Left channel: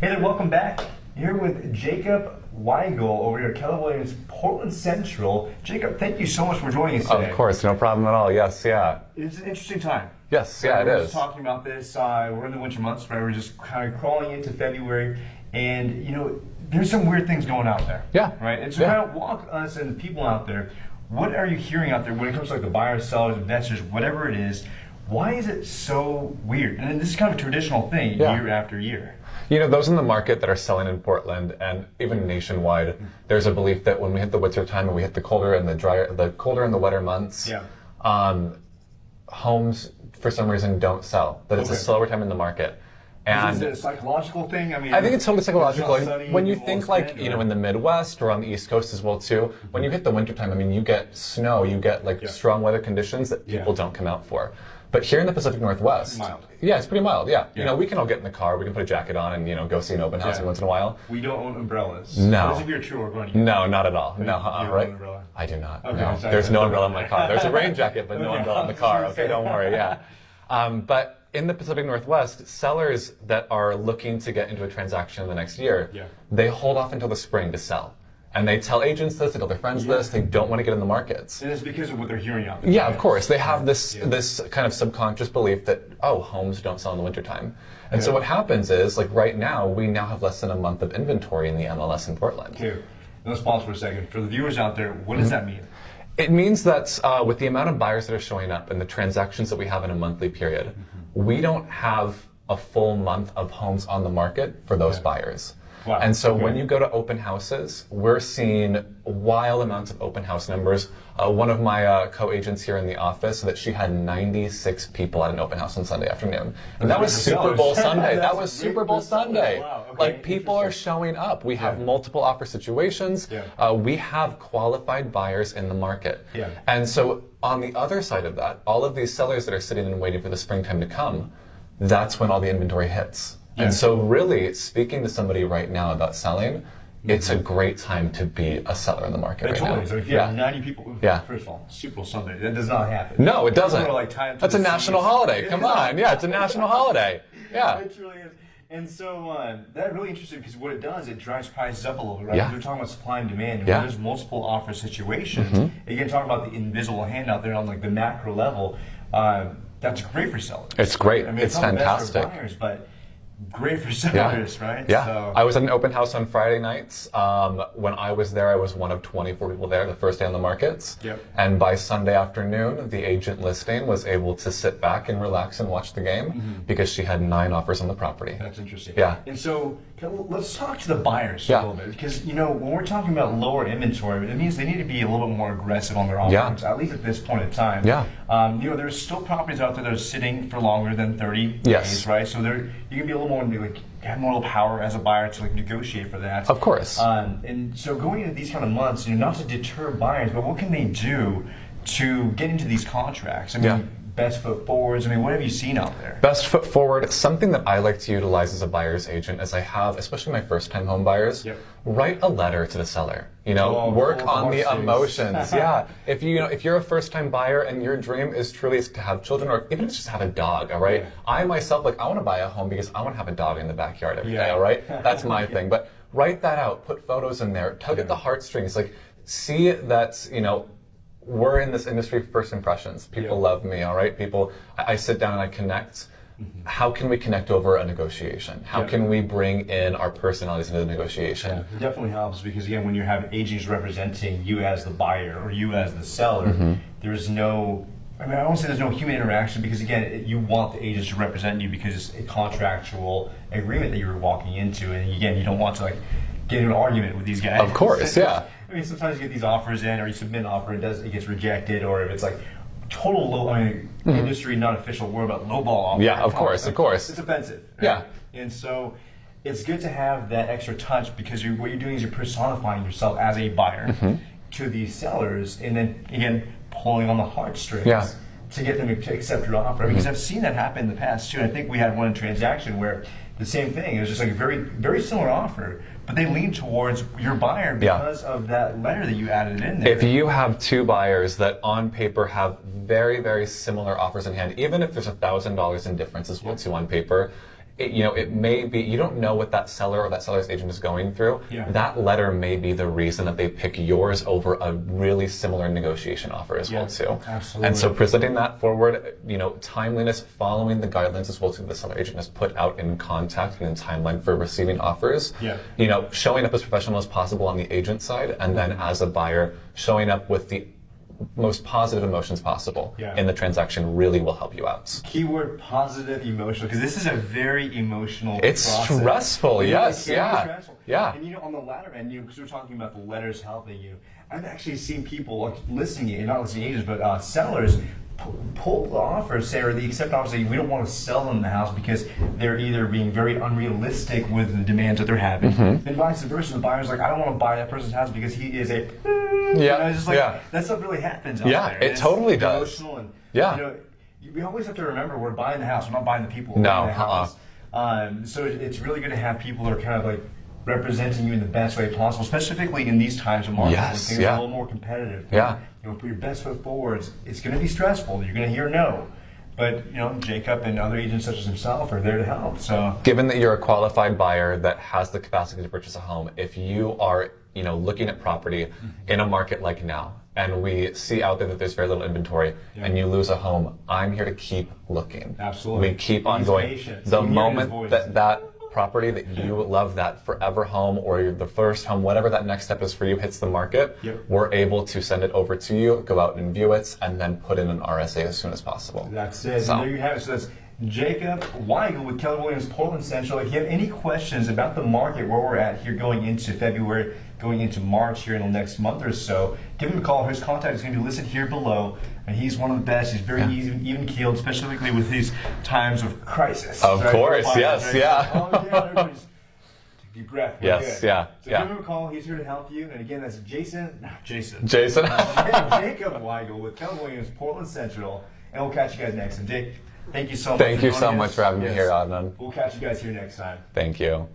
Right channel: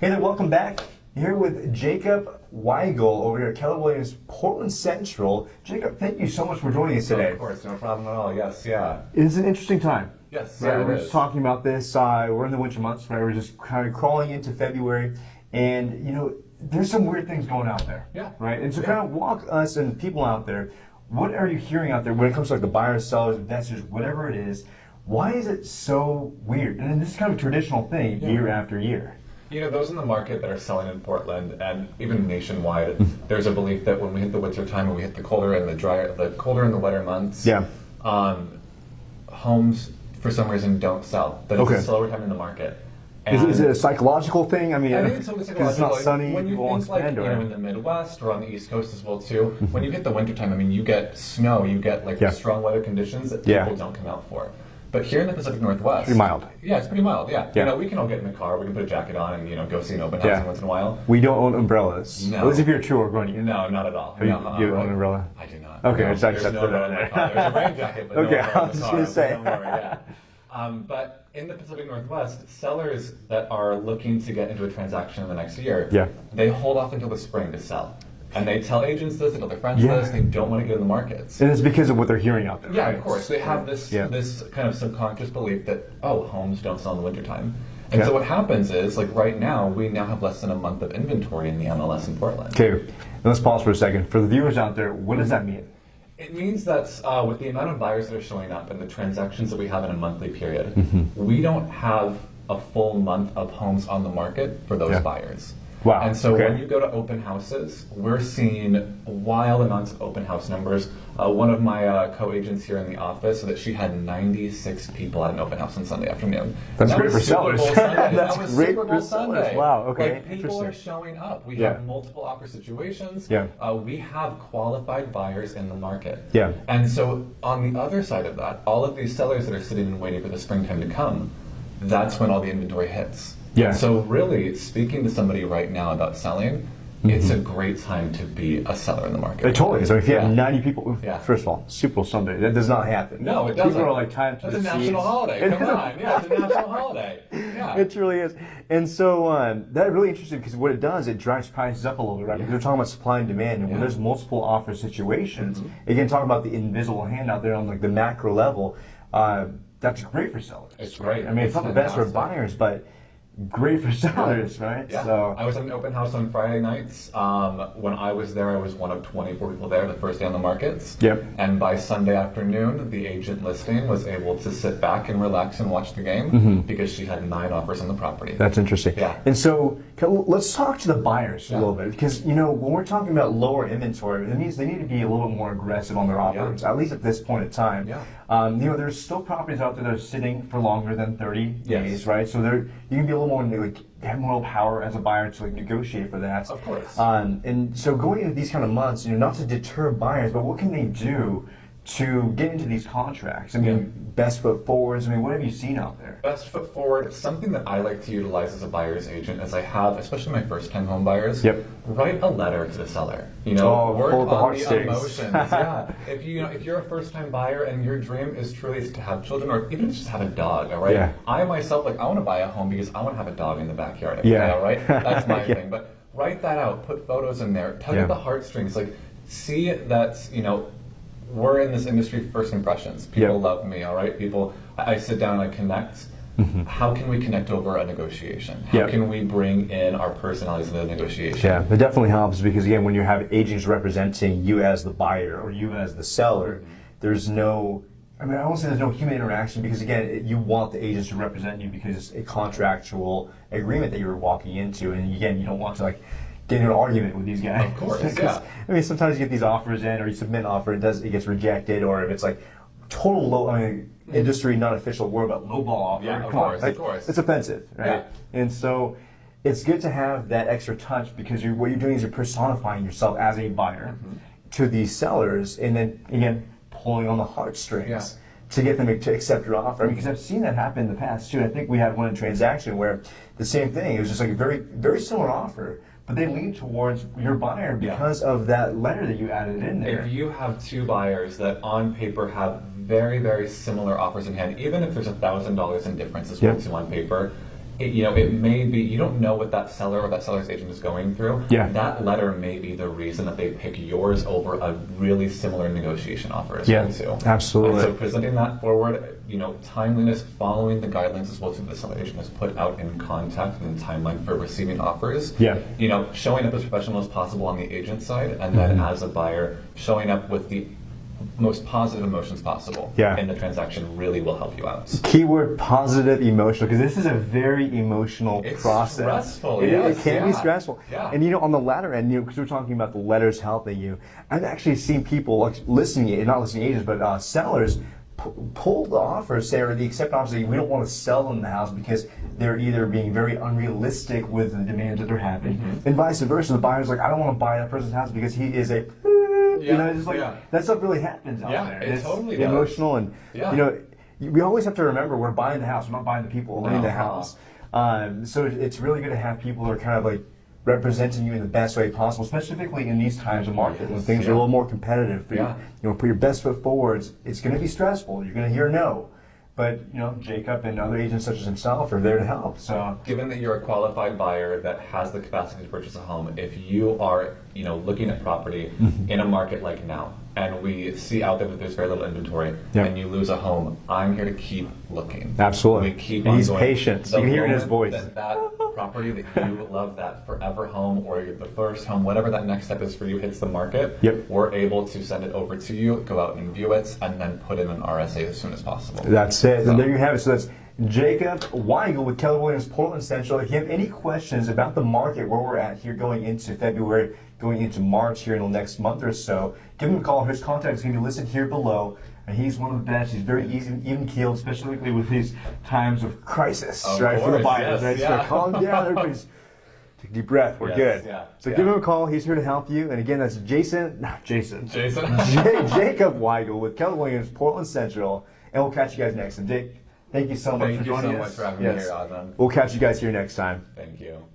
Hey there, welcome back. Here with Jacob Weigel over here at Keller Williams, Portland Central. Jacob, thank you so much for joining us today. Of course, no problem at all. Yes, yeah. It's an interesting time. Yes, right? yeah, We're it just talking about this. We're in the winter months, right? We're just kind of crawling into February, and there's some weird things going out there. Yeah. Right. And so, kind of walk us and the people out there. What are you hearing out there when it comes to like the buyers, sellers, investors, whatever it is? Why is it so weird? And this is kind of a traditional thing year after year. Those in the market that are selling in Portland and even nationwide, there's a belief that when we hit the winter time and we hit the colder and the wetter months, homes for some reason don't sell. That it's a slower time in the market. And is it a psychological thing? I think it's totally psychological. It's not sunny, when you think in the Midwest or on the East Coast as well too, when you hit the winter time, you get snow, you get strong weather conditions that people don't come out for. But here in the Pacific Northwest, pretty mild. Yeah, it's pretty mild. Yeah. We can all get in the car, we can put a jacket on, and go see an open house every once in a while. We don't own umbrellas. No. At least if you're true or going to. No, not at all. Do you own an umbrella? I do not. Okay. No. There's no umbrella in my car. There's a rain jacket, but no umbrella in the car. Okay, don't worry. Yeah. But in the Pacific Northwest, sellers that are looking to get into a transaction in the next year, they hold off until the spring to sell. And they tell agents this, they tell their friends this, they don't want to get in the markets. And it's because of what they're hearing out there. Yeah, of course. They have this kind of subconscious belief that, homes don't sell in the wintertime. And so what happens is, right now, we now have less than a month of inventory in the MLS in Portland. Okay, let's pause for a second. For the viewers out there, what does that mean? It means that with the amount of buyers that are showing up and the transactions that we have in a monthly period, we don't have a full month of homes on the market for those buyers. Wow. And so when you go to open houses, we're seeing wild amounts of open house numbers. One of my co-agents here in the office said that she had 96 people at an open house on Sunday afternoon. And that was Super Bowl Sunday. That was Super Bowl Sunday. Wow. Okay. People are showing up. We have multiple offer situations. We have qualified buyers in the market. And so on the other side of that, all of these sellers that are sitting and waiting for the springtime to come, that's when all the inventory hits. And so really, speaking to somebody right now about selling, it's a great time to be a seller in the market. It totally is. If you have 90 people, first of all, Super Bowl Sunday, that does not happen. No, it doesn't. People are time to That's a national holiday. Come on. Yeah, it's a national holiday. Yeah. It truly is. And so that's really interesting because what it does, it drives prices up a little bit, right? We're talking about supply and demand, and when there's multiple offer situations, again, talking about the invisible hand out there on the macro level, that's great for sellers. It's great. It's not fantastic. the best for buyers, but great for sellers, right? Yeah. So. I was at an open house on Friday nights. When I was there, I was one of 24 people there the first day on the markets. And by Sunday afternoon, the agent listing was able to sit back and relax and watch the game because she had 9 offers on the property. That's interesting. Yeah. And so let's talk to the buyers a little bit because, when we're talking about lower inventory, it means they need to be a little bit more aggressive on their offers, at least at this point in time. There's still properties out there that are sitting for longer than 30 days, right? So you can be a little more have more power as a buyer to negotiate for that. Of course. And so going into these kind of months, not to deter buyers, but what can they do to get into these contracts? Best foot forwards. What have you seen out there? Best foot forward. Something that I like to utilize as a buyer's agent is I have, especially my first-time home buyers, write a letter to the seller. Work on the emotions. If you're a first-time buyer and your dream is truly to have children, or even if it's just have a dog, all right? I myself, I want to buy a home because I want to have a dog in the backyard every day, all right? That's my thing. But write that out. Put photos in there. Tug at the heartstrings. See that we're in this industry for first impressions. People love me, all right? I sit down and I connect. How can we connect over a negotiation? How can we bring in our personalities into the negotiation? It definitely helps because, again, when you have agents representing you as the buyer or you as the seller, there's no, I won't say there's no human interaction because, again, you want the agents to represent you because it's a contractual agreement that you're walking into. And, again, you don't want to, get into an argument with these guys. Of course, sometimes you get these offers in, or you submit an offer, it gets rejected, or if it's total low, industry, not official word, but lowball offer. Yeah, of course. It's offensive, right? And so it's good to have that extra touch because what you're doing is you're personifying yourself as a buyer to these sellers, and then again pulling on the heartstrings to get them to accept your offer. Because I've seen that happen in the past too. And I think we had one transaction where the same thing. It was just a very, very similar offer, but they lean towards your buyer because of that letter that you added in there. If you have 2 buyers that on paper have very, very similar offers in hand, even if there's $1,000 in difference as well too on paper, it may be, you don't know what that seller or that seller's agent is going through. Yeah. That letter may be the reason that they pick yours over a really similar negotiation offer as well too. Absolutely. And so presenting that forward, timeliness, following the guidelines as well too, the seller agent has put out in contact and in timeline for receiving offers. Yeah. Showing up as professional as possible on the agent side, and then as a buyer, showing up with the most positive emotions possible in the transaction really will help you out. Keyword positive emotional, because this is a very emotional process. It's stressful, yes. It can be stressful. Yeah. And on the latter end, because we're talking about the letters helping you, I've actually seen people like listening, not listening agents, but sellers pull the offers, or the accept offers that we don't want to sell them the house because they're either being very unrealistic with the demands that they're having, and vice versa. The buyer's like, I don't want to buy that person's house because he is a it's just like that stuff really happens out there. It totally does. Emotional and we always have to remember we're buying the house. We're not buying the people. We're buying the house. So it's really good to have people that are kind of like representing you in the best way possible, specifically in these times of market when things are a little more competitive. Put your best foot forward. It's going to be stressful. You're going to hear no. But Jacob and other agents such as himself are there to help. So, given that you're a qualified buyer that has the capacity to purchase a home, if you are looking at property in a market like now, and we see out there that there's very little inventory, and you lose a home, I'm here to keep looking. Absolutely. We keep on going. Patient. The moment that property that you love, that forever home or the first home, whatever that next step is for you, hits the market, we're able to send it over to you, go out and view it, and then put in an RSA as soon as possible. That's it. So, and there you have it. So that's Jacob Weigel with Keller Williams Portland Central. If you have any questions about the market, where we're at here going into February, going into March here in the next month or so, give him a call. His contact is going to be listed here below. And he's one of the best. He's very even-keeled, especially with these times of crisis. Of course, yes, So calm down, everybody's take a deep breath. We're good. So give him a call. He's here to help you. And again, that's Jacob Weigel with Keller Williams Portland Central. And we'll catch you guys next time. Jake, thank you so much. Thank you so much for having me here, Adnan. We'll catch you guys here next time. Thank you.